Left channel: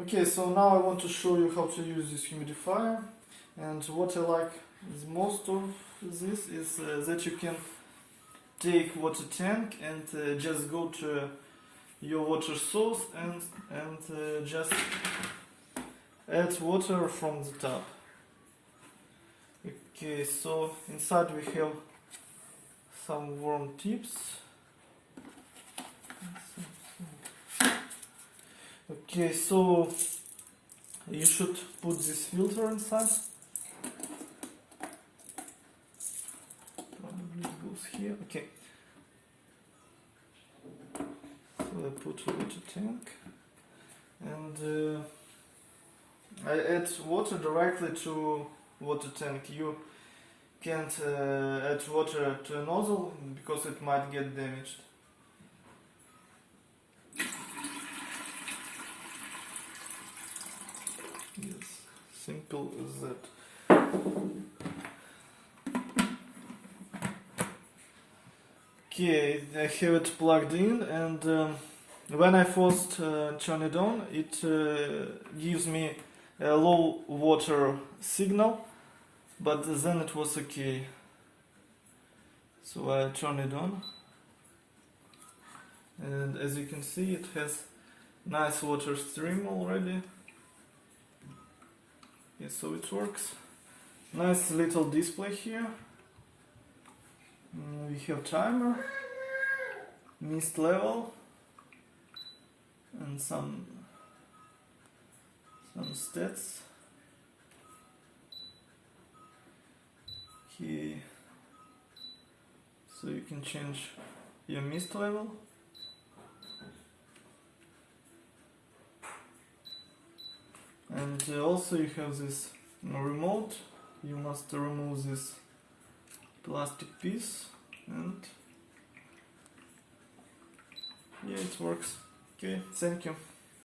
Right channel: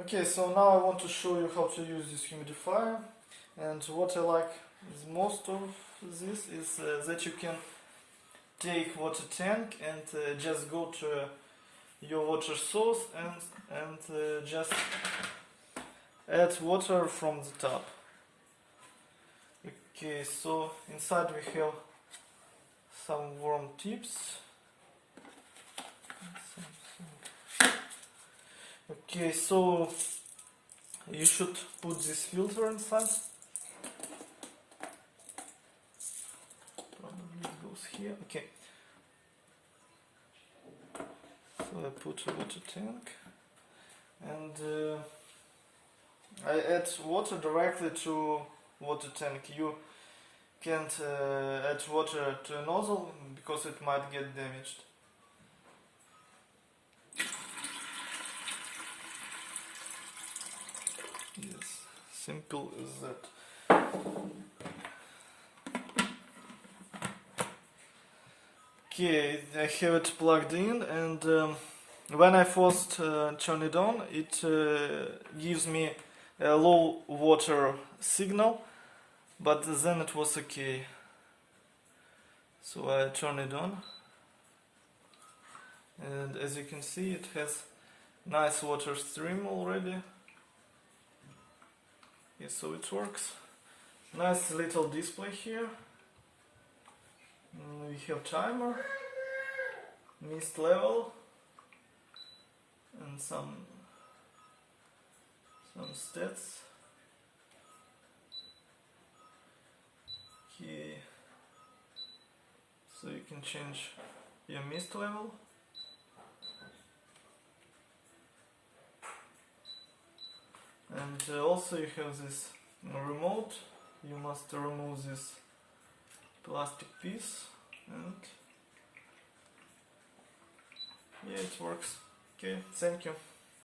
Okay, so now I want to show you how to use this humidifier, and what I like is most of this is that you can take water tank and just go to your water source and just add water from the tap. Okay, so inside we have some warm tips. Okay, so you should put this filter inside. Probably it goes here. Okay. So I put a water tank and I add water directly to water tank. You can't add water to a nozzle because it might get damaged. Yes, simple as that. Okay, I have it plugged in, and when I first turn it on, it gives me a low water signal, but then it was okay. So I turn it on, and as you can see, it has nice water stream already. Yes, so it works. Nice little display here. We have timer, mist level, and some stats. Here, so you can change your mist level. And also you have this remote. You must remove this plastic piece, and yeah, it works. Okay, thank you.